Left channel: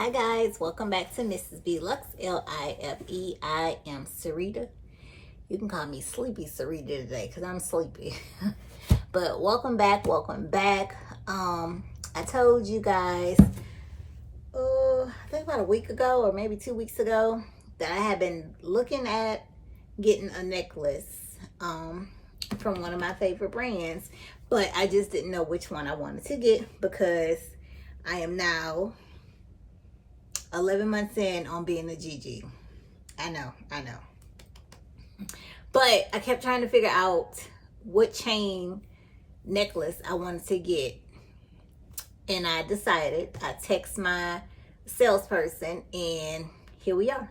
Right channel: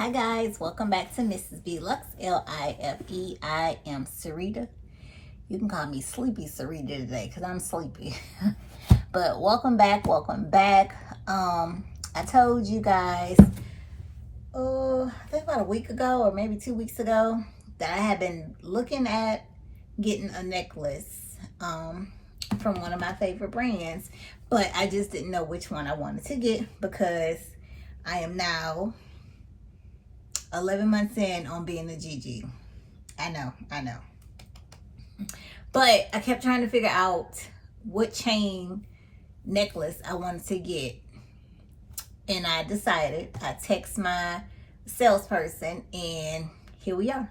Hi guys, welcome back to Mrs. B Lux, L-I-F-E. I am Sarita. You can call me Sleepy Sarita today because I'm sleepy. But welcome back. I told you guys, I think about a week ago or maybe 2 weeks ago that I had been looking at getting a necklace from one of my favorite brands, but I just didn't know which one I wanted to get because I am now 11 months in on being a GiGi. I know. But I kept trying to figure out what chain necklace I wanted to get. And I decided, I text my salesperson and here we are.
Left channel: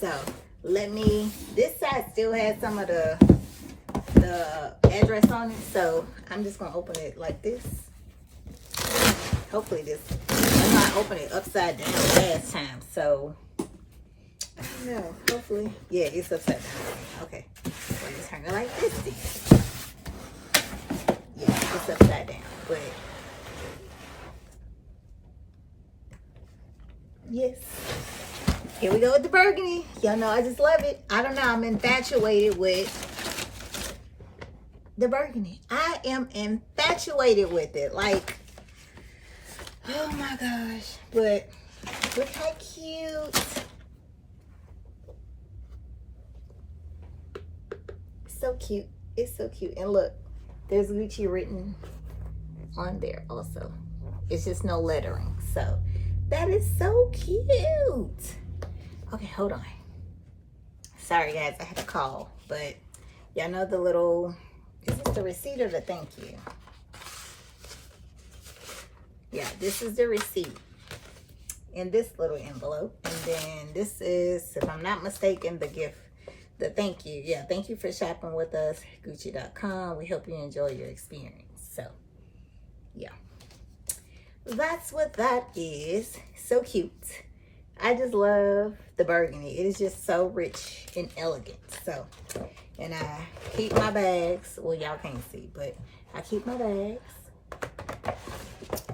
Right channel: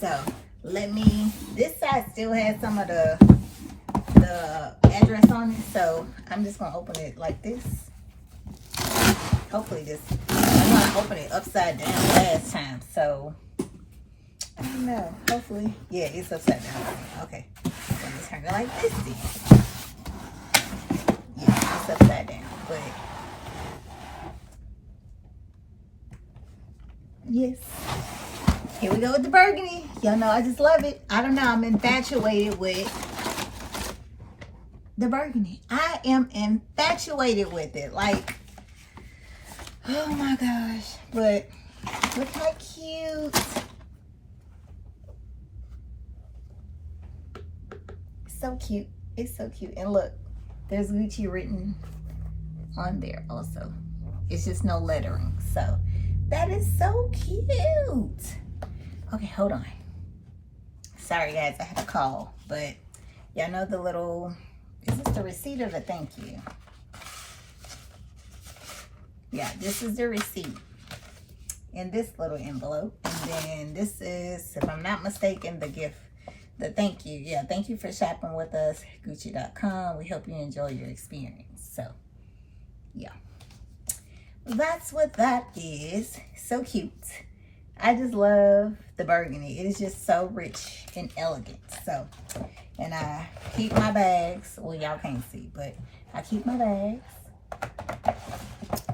So this side still has some of the address on it. So I'm just going to open it like this. Hopefully I know I opened it upside down last time, so I don't know. Hopefully, yeah, it's upside down. Okay, let me turn it like this then. Yeah, it's upside down, but yes. Here we go with the burgundy. Y'all know I just love it. I don't know, I'm infatuated with the burgundy. I am infatuated with it. Like, oh my gosh. But look how cute. So cute. It's so cute. And look, there's Gucci written on there also. It's just no lettering. So that is so cute. Okay, hold on. Sorry guys, I had a call. But y'all know the little, is this the receipt or the thank you? Yeah, this is the receipt in this little envelope. And then this is, if I'm not mistaken, the gift, the thank you. Yeah, thank you for shopping with us, Gucci.com. We hope you enjoy your experience. So, yeah. That's what that is. So cute. I just love the burgundy. It is just so rich and elegant. So, and I keep my bags. Well, y'all can't see, but I keep my bags.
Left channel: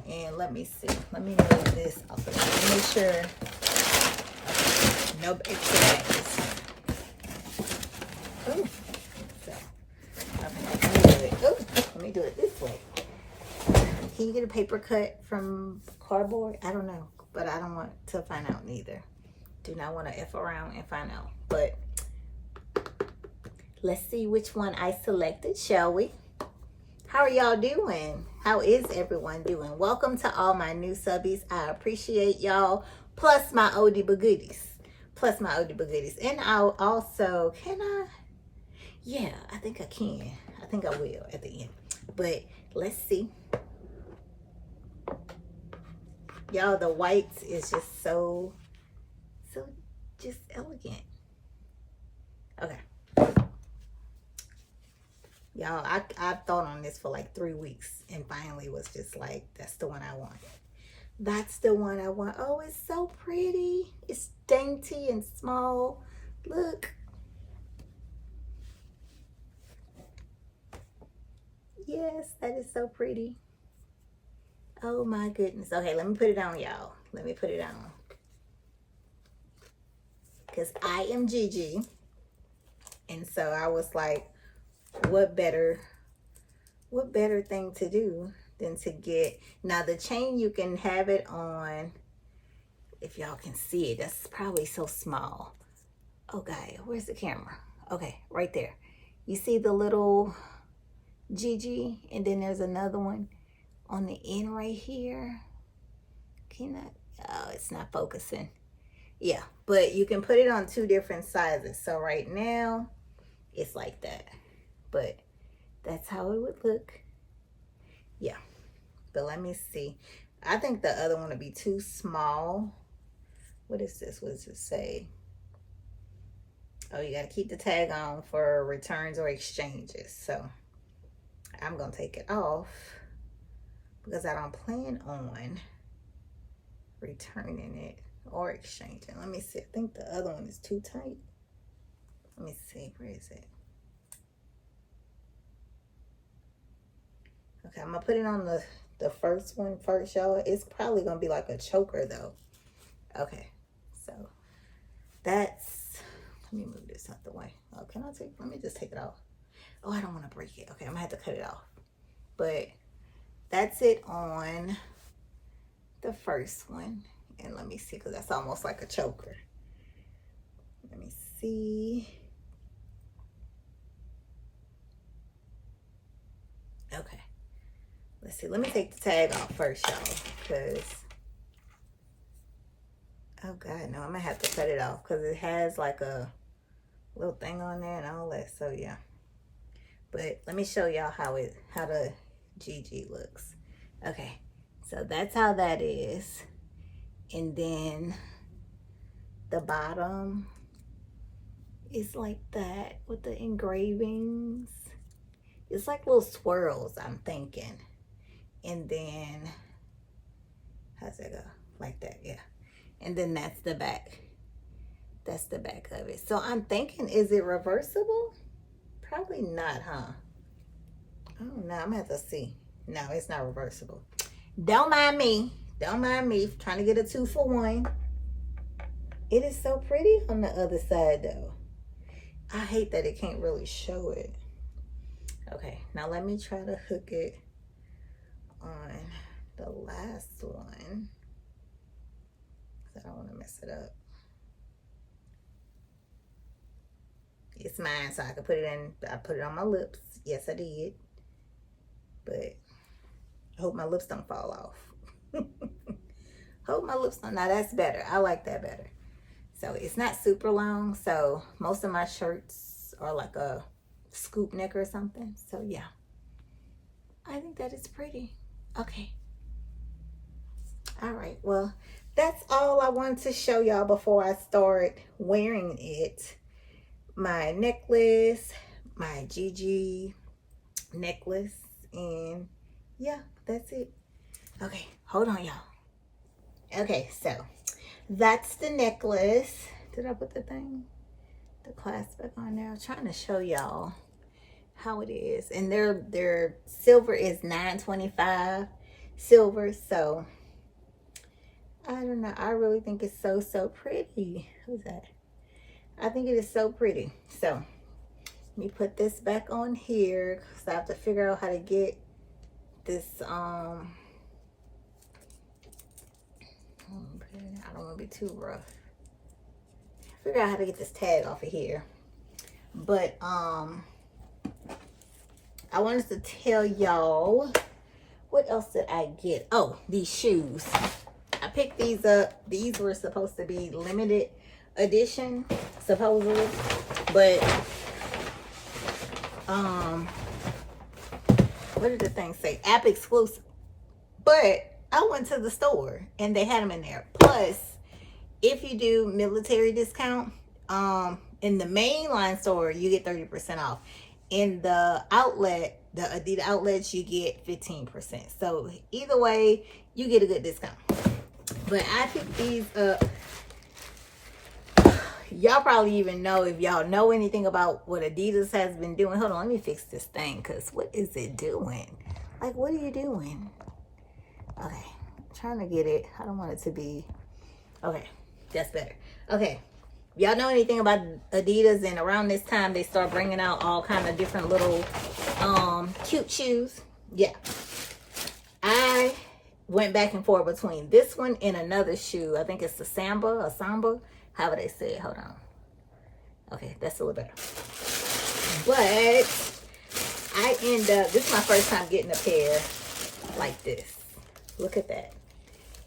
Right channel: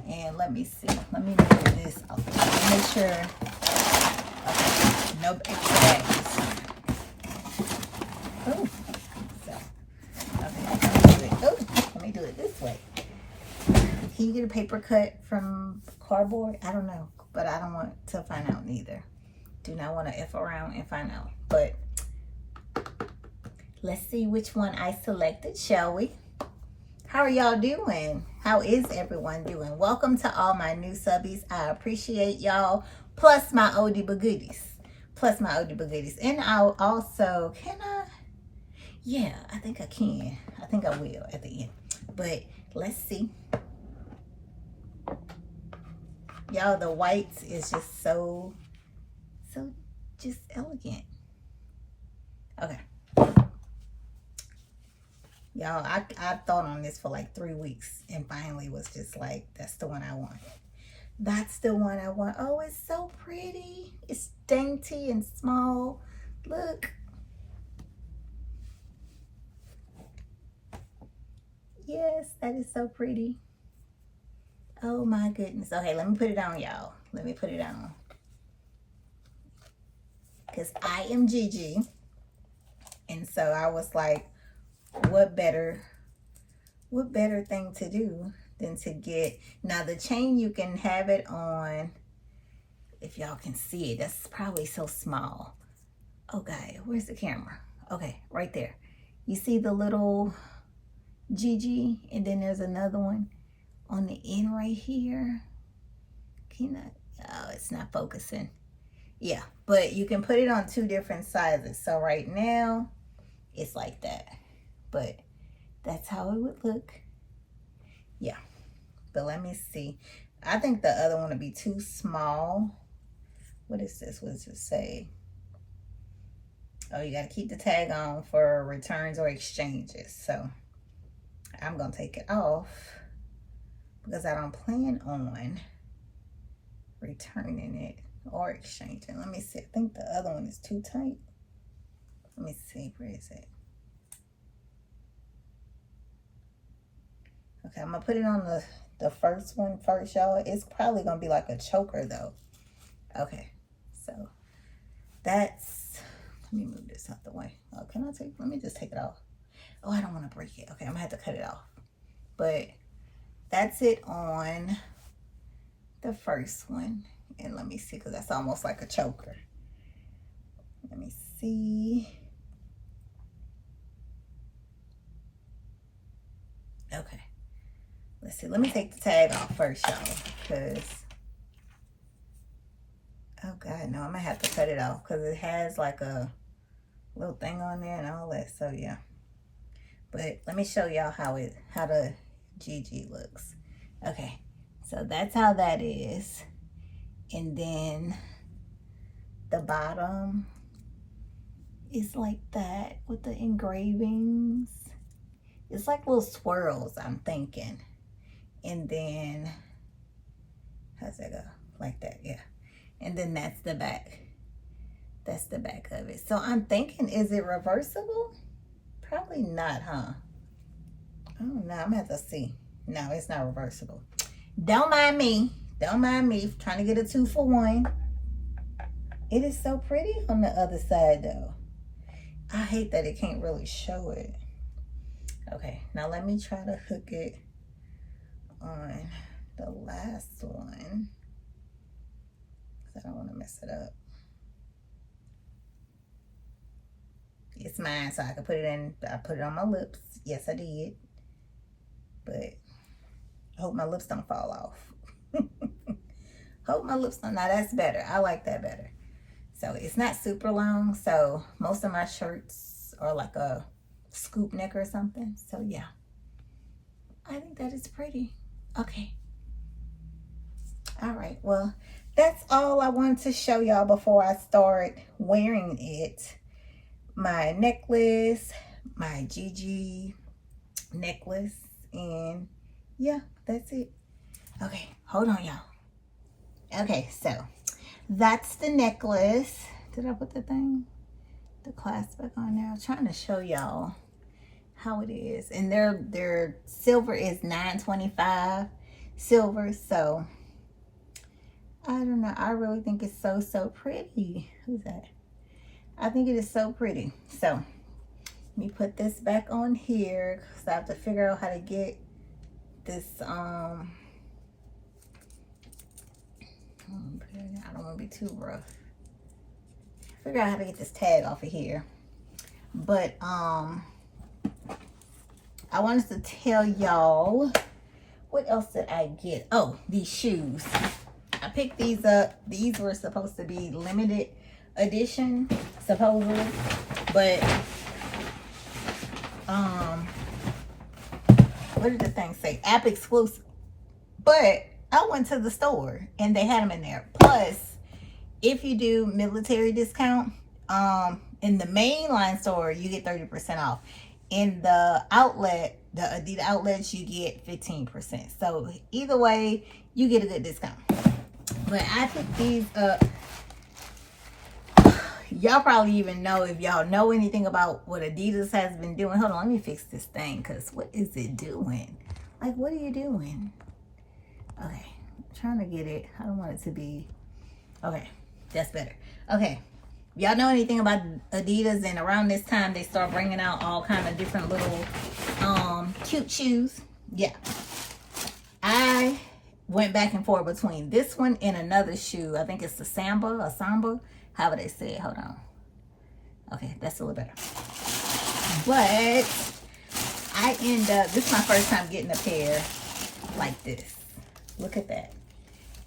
And let me see. Let me move this off. Let me make sure. Okay. No extra bags. Oh. So. Okay. Let me do it this way. Can you get a paper cut from cardboard? I don't know. But I don't want to find out neither. Do not want to F around and find out. But let's see which one I selected, shall we? How are y'all doing? How is everyone doing? Welcome to all my new subbies. I appreciate y'all. Plus my oldie but goodies. And I'll also, can I? Yeah, I think I can. I think I will at the end. But let's see. Y'all, the whites is just so just elegant. Okay. Y'all, I thought on this for like 3 weeks and finally was just like, that's the one I want. That's the one I want. Oh, it's so pretty. It's dainty and small. Look. Yes, that is so pretty. Oh my goodness. Okay, let me put it on, y'all. Let me put it on. Because I am GiGi. And so I was like, what better thing to do than to get, now the chain you can have it on, if y'all can see it, that's probably so small. Okay, where's the camera? Okay, right there. You see the little GiGi, and then there's another one on the end right here. Can I? Oh, it's not focusing. Yeah, but you can put it on 2 different sizes. So right now it's like that, but that's how it would look. Yeah, but let me see. I think the other one would be too small. What is this? What does it say? Oh, you got to keep the tag on for returns or exchanges. So I'm going to take it off because I don't plan on returning it or exchanging. Let me see. I think the other one is too tight. Let me see. Where is it? Okay, I'm going to put it on the the first one first, y'all. It's probably gonna be like a choker though. Okay, so that's, let me move this out the way. Oh, let me just take it off. Oh, I don't want to break it. Okay, I'm gonna have to cut it off. But that's it on the first one. And let me see, because that's almost like a choker. Let me see. Okay, let's see. Let me take the tag off first, y'all, because, oh God, no, I'm gonna have to cut it off because it has like a little thing on there and all that. So yeah, but let me show y'all how the GiGi looks. Okay, so that's how that is. And then the bottom is like that with the engravings. It's like little swirls, I'm thinking. And then, how's that go? Like that, yeah. And then that's the back. That's the back of it. So I'm thinking, is it reversible? Probably not, huh? Oh no, I'm gonna have to see. No, it's not reversible. Don't mind me. Don't mind me trying to get a 2-for-1. It is so pretty on the other side though. I hate that it can't really show it. Okay, now let me try to hook it on the last one. I don't want to mess it up. It's mine, so I can put it in. I put it on my lips. Yes, I did. But I hope my lips don't fall off. Hope my lips don't. Now that's better. I like that better. So it's not super long. So most of my shirts are like a scoop neck or something. So yeah, I think that is pretty. Okay. All right. Well, that's all I wanted to show y'all before I start wearing it. My necklace, my GiGi necklace, and yeah, that's it. Okay, hold on, y'all. Okay, so that's the necklace. Did I put the clasp back on there? I'm trying to show y'all how it is. And their silver is $9.25 silver. So I don't know. I really think it's so pretty. Who's that? I think it is so pretty. So let me put this back on here because I have to figure out how to get this I don't want to be too rough. Figure out how to get this tag off of here. But I wanted to tell y'all, what else did I get? Oh, these shoes. I picked these up. These were supposed to be limited edition, supposedly, but what did the thing say? App exclusive. But I went to the store and they had them in there. Plus, if you do military discount, in the mainline store, you get 30% off. In the outlet, the Adidas outlets, you get 15%. So either way, you get a good discount. But I picked these up. Y'all probably even know, if y'all know anything about what Adidas has been doing. Hold on, let me fix this thing, because what is it doing? Like, what are you doing? Okay, I'm trying to get it. I don't want it to be, okay, that's better. Okay, y'all know anything about Adidas? And around this time, they start bringing out all kind of different little cute shoes. Yeah, I went back and forth between this one and another shoe. I think it's the Samba, however they say it. Hold on. Okay, that's a little better. But I end up, this is my first time getting a pair like this. Look at that.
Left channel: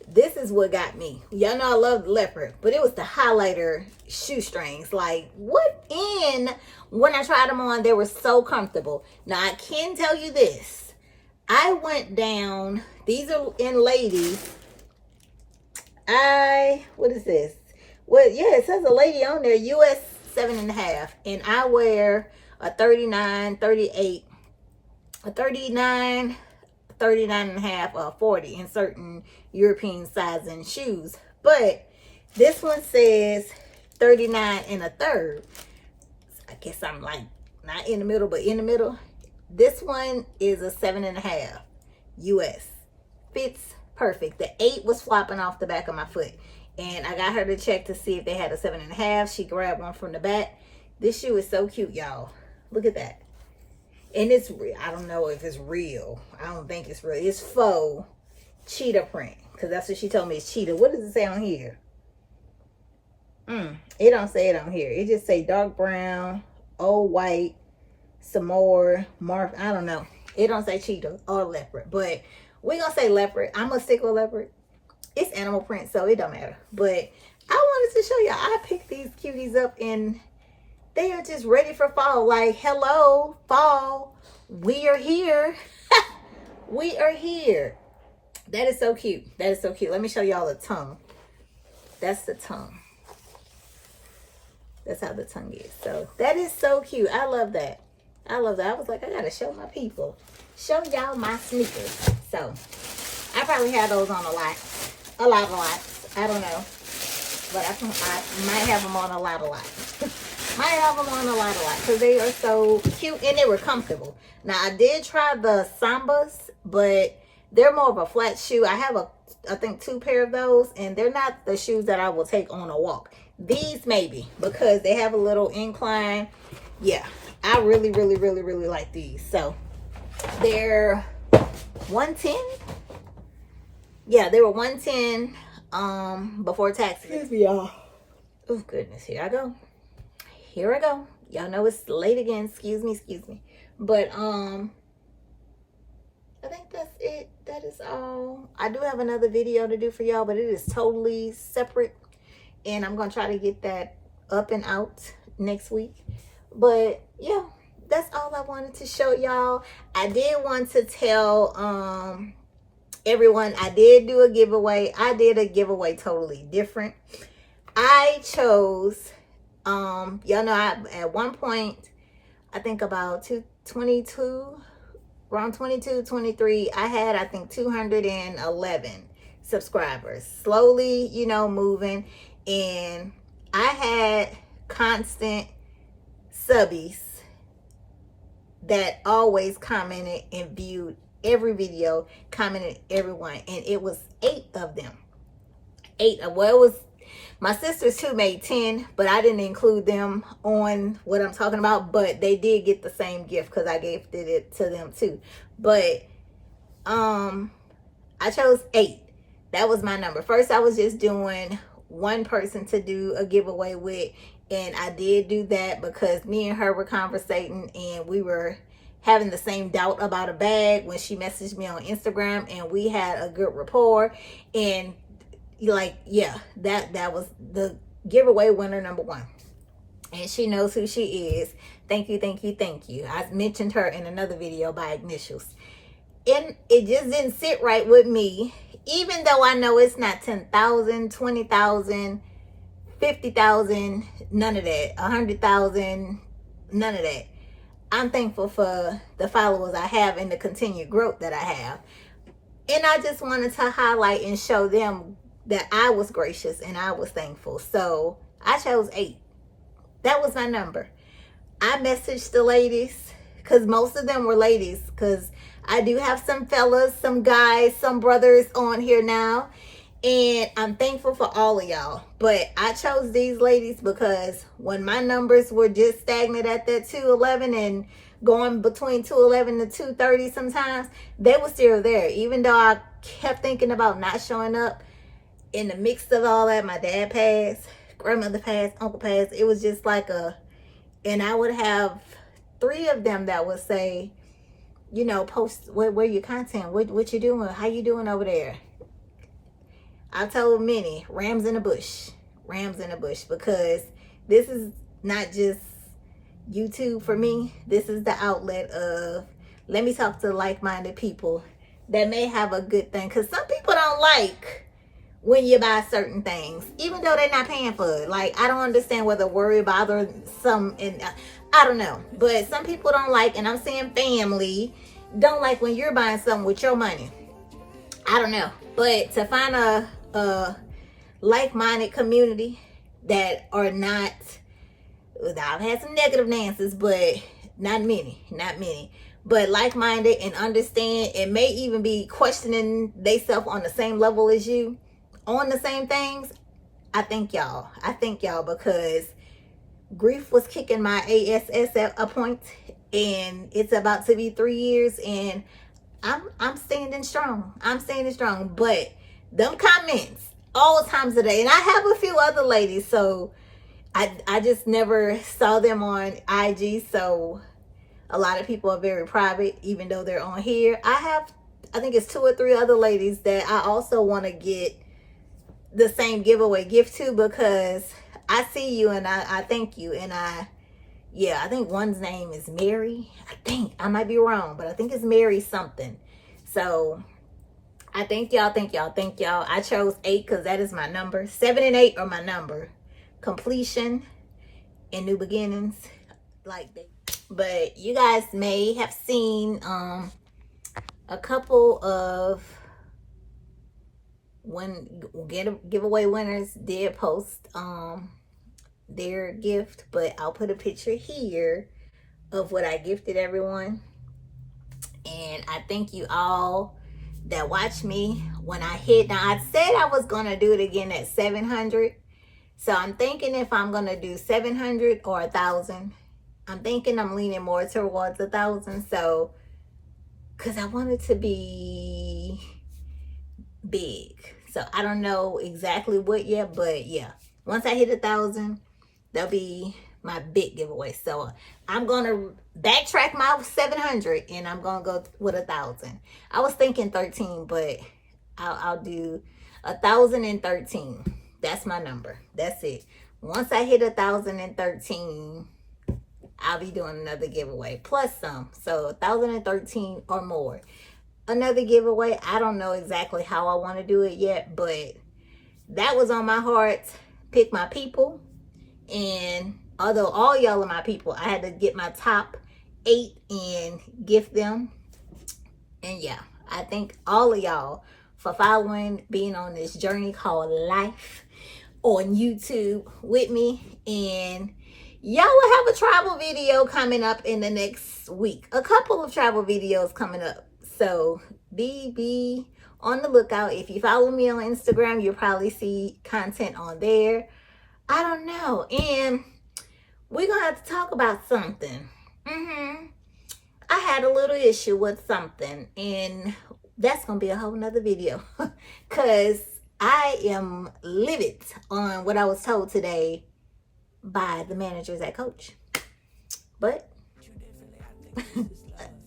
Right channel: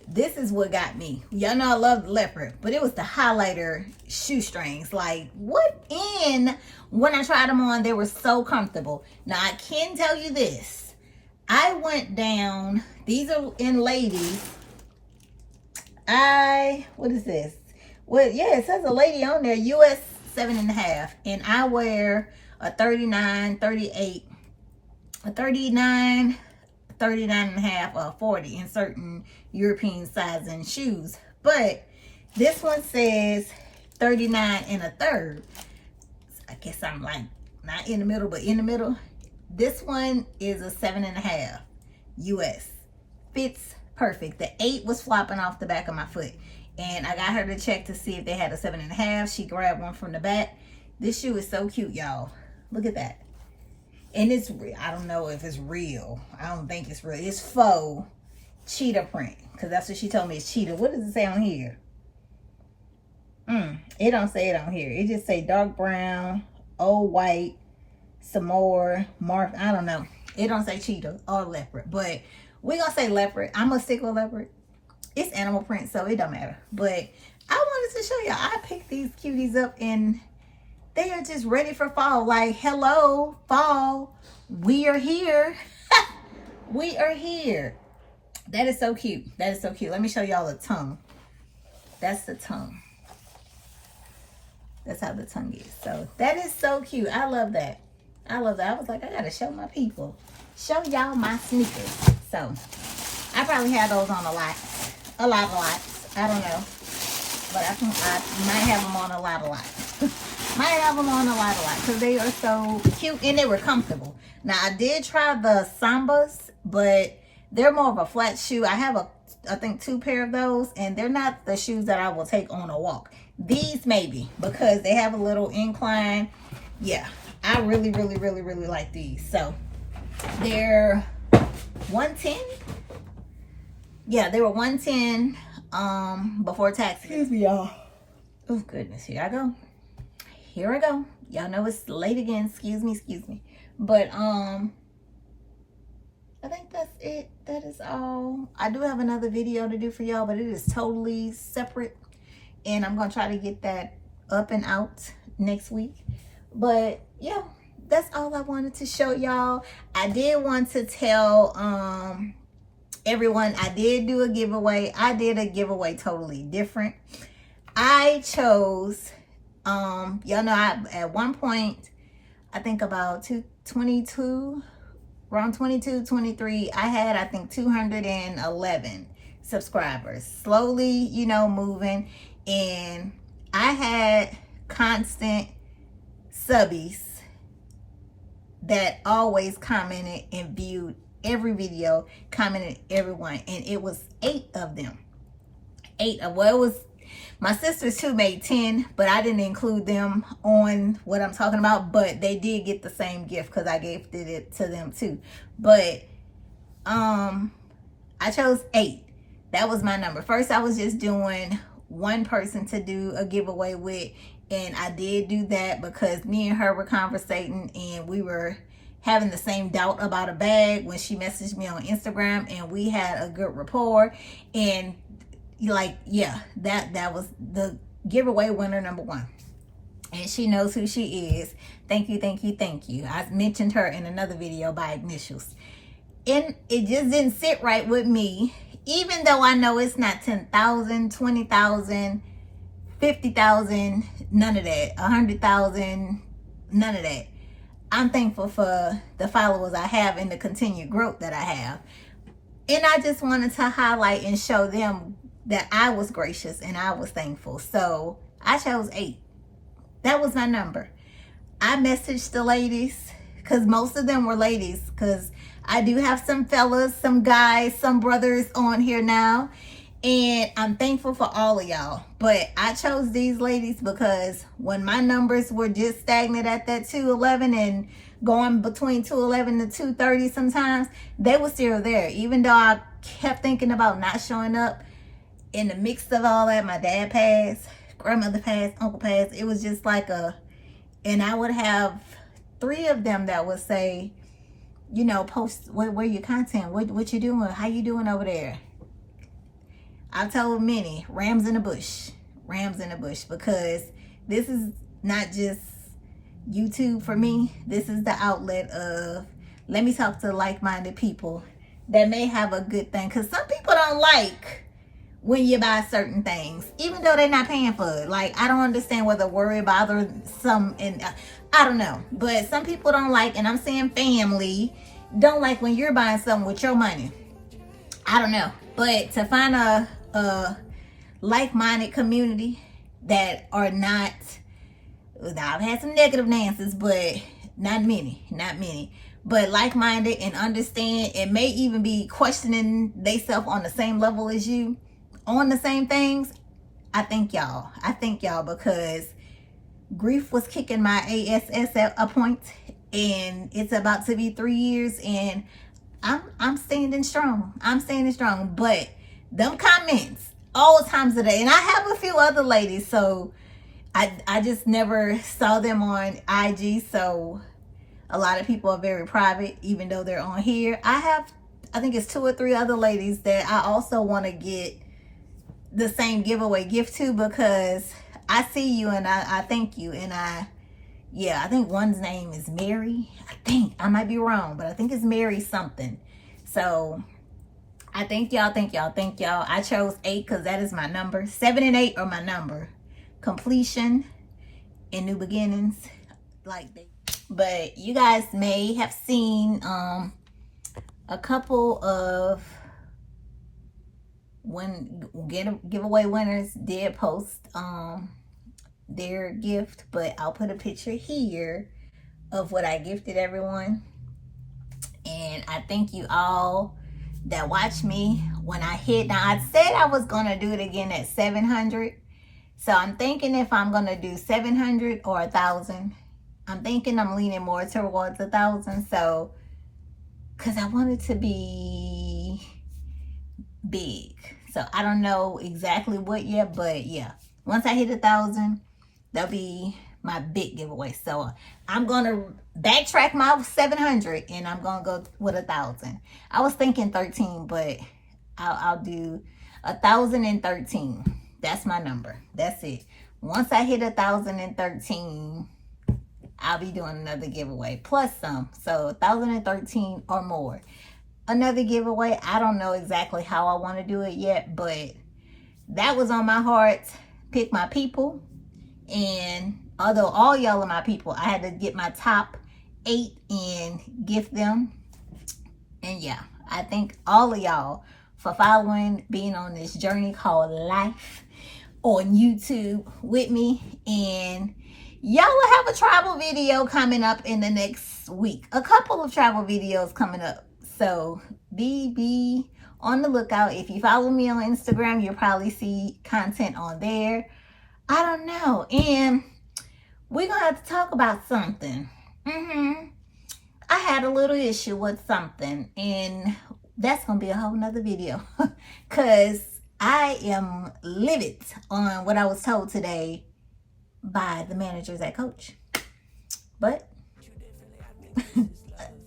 This is what got me. Y'all know I love the leopard, but it was the highlighter shoestrings. Like, what in? When I tried them on, they were so comfortable. Now, I can tell you this. I went down, these are in ladies. What is this? Well, yeah, it says a lady on there, US 7.5. And I wear a 39, 38, a 39, 39.5, or 40 in certain European sizing shoes. But this one says 39 1/3. I guess I'm like not in the middle, but in the middle. This one is a 7.5 US. fits perfect. The 8 was flopping off the back of my foot, and I got her to check to see if they had a 7.5. She grabbed one from the back. This shoe is so cute, y'all. Look at that. And it's real. I don't know if it's real. I don't think it's real. It's faux cheetah print, because that's what she told me. It's cheetah. What does it say on here? It don't say it on here. It just say dark brown, old white, some more mark. I don't know. It don't say cheetah or leopard, but we're gonna say leopard. I'm gonna stick with leopard. It's animal print, so it don't matter. But I wanted to show y'all. I picked these cuties up, and they are just ready for fall. Like, hello, fall. We are here. We are here. That is so cute. That is so cute. Let me show y'all the tongue. That's the tongue. That's how the tongue is. So that is so cute. I love that. I love that. I was like, I gotta show my people. Show y'all my sneakers. So I probably have those on a lot. I don't know. But I might have them on a lot. Might have them on a lot. Because they are so cute and they were comfortable. Now I did try the Sambas, but they're more of a flat shoe. I have I think 2 pair of those, and they're not the shoes that I will take on a walk. These maybe, because they have a little incline. Yeah, I really like these. So they're 110. Yeah, they were 110 before tax. Excuse me, y'all. Oh goodness, here I go. Y'all know it's late again. Excuse me. But I think that's it. That is all. I do have another video to do for y'all, but it is totally separate, and I'm gonna try to get that up and out next week. But yeah, that's all I wanted to show y'all. I did want to tell everyone, I did do a giveaway. I did a giveaway totally different. I chose y'all know, at one point, I think about 22, around 22, 23, I had, I think, 211 subscribers. Slowly, you know, moving. And I had constant subbies that always commented and viewed every video, commented everyone. And it was 8 of them. 8 of, well, it was, my sisters too made 10, but I didn't include them on what I'm talking about. But they did get the same gift because I gifted it to them too. But I chose 8. That was my number. First, I was just doing one person to do a giveaway with, and I did do that because me and her were conversating, and we were having the same doubt about a bag when she messaged me on Instagram, and we had a good rapport. And like, yeah, that was the giveaway winner number 1, and she knows who she is. Thank you. I mentioned her in another video by initials, and it just didn't sit right with me, even though I know it's not 10,000, 20,000, 50,000, none of that, 100,000, none of that. I'm thankful for the followers I have and the continued growth that I have, and I just wanted to highlight and show them that I was gracious and I was thankful. So I chose 8. That was my number. I messaged the ladies, because most of them were ladies, because I do have some fellas, some guys, some brothers on here now, and I'm thankful for all of y'all. But I chose these ladies because when my numbers were just stagnant at that 211 and going between 211 to 230 sometimes, they were still there. Even though I kept thinking about not showing up, in the mix of all that, my dad passed, grandmother passed, uncle passed. It was just like and I would have 3 of them that would say, you know, post where your content, what you doing, how you doing over there. I told many, rams in the bush, because this is not just YouTube for me. This is the outlet of, let me talk to like-minded people that may have a good thing, because some people don't like when you buy certain things, even though they're not paying for it. Like, I don't understand whether worry bother some, and I don't know, but some people don't like, and I'm saying family, don't like when you're buying something with your money. I don't know, but to find a like-minded community that are not, I've had some negative Nancy's, but not many, but like-minded and understand, and may even be questioning themselves on the same level as you, on the same things. I thank y'all. I thank y'all, because grief was kicking my ass at a point, and it's about to be 3 years, and I'm standing strong. I'm standing strong. But them comments all times a day, and I have a few other ladies, so I just never saw them on IG. So a lot of people are very private, even though they're on here. I think it's 2 or 3 other ladies that I also want to get the same giveaway gift to, because I see you and I thank you. And I think one's name is Mary. I might be wrong, but I think it's Mary something. So I thank y'all, thank y'all, thank y'all. I chose 8 because that is my number. 7 and 8 are my number. Completion and new beginnings, like that. But you guys may have seen a couple of giveaway winners did post their gift, but I'll put a picture here of what I gifted everyone. And I thank you all that watched me when I hit. Now, I said I was gonna do it again at 700, so I'm thinking if I'm gonna do 700 or 1,000. I'm thinking I'm leaning more towards 1,000, so because I want it to be big. So I don't know exactly what yet, but yeah, once I hit 1,000, that'll be my big giveaway. So I'm gonna backtrack my 700 and I'm gonna go with 1,000. I was thinking 13, but I'll do 1,013. That's my number. That's it. Once I hit 1,013, I'll be doing another giveaway plus some. So 1,013 or more. Another giveaway. I don't know exactly how I want to do it yet, but that was on my heart. Pick my people. And although all y'all are my people, I had to get my top 8 and gift them. And yeah, I thank all of y'all for following, being on this journey called life on YouTube with me. And y'all will have a travel video coming up in the next week. A couple of travel videos coming up. So be on the lookout. If you follow me on Instagram, you'll probably see content on there. I don't know. And we're going to have to talk about something. I had a little issue with something, and that's going to be a whole nother video. Because I am livid on what I was told today by the managers at Coach. But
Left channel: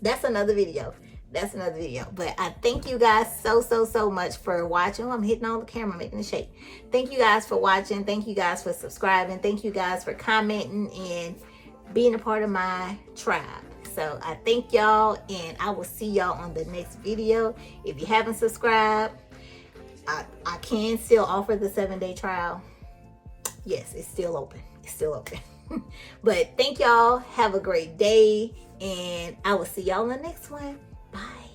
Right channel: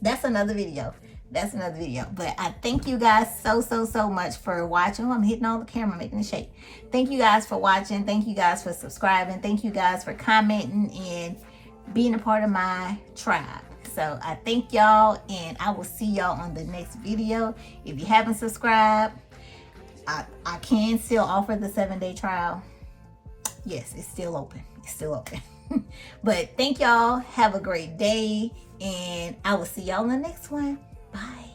that's another video. That's another video. But I thank you guys so much for watching. I'm hitting on the camera, making a shake. Thank you guys for watching. Thank you guys for subscribing. Thank you guys for commenting and being a part of my tribe. So I thank y'all, and I will see y'all on the next video. If you haven't subscribed, I can still offer the 7-day trial. Yes, it's still open. It's still open. But thank y'all. Have a great day, and I will see y'all in the next one. Bye.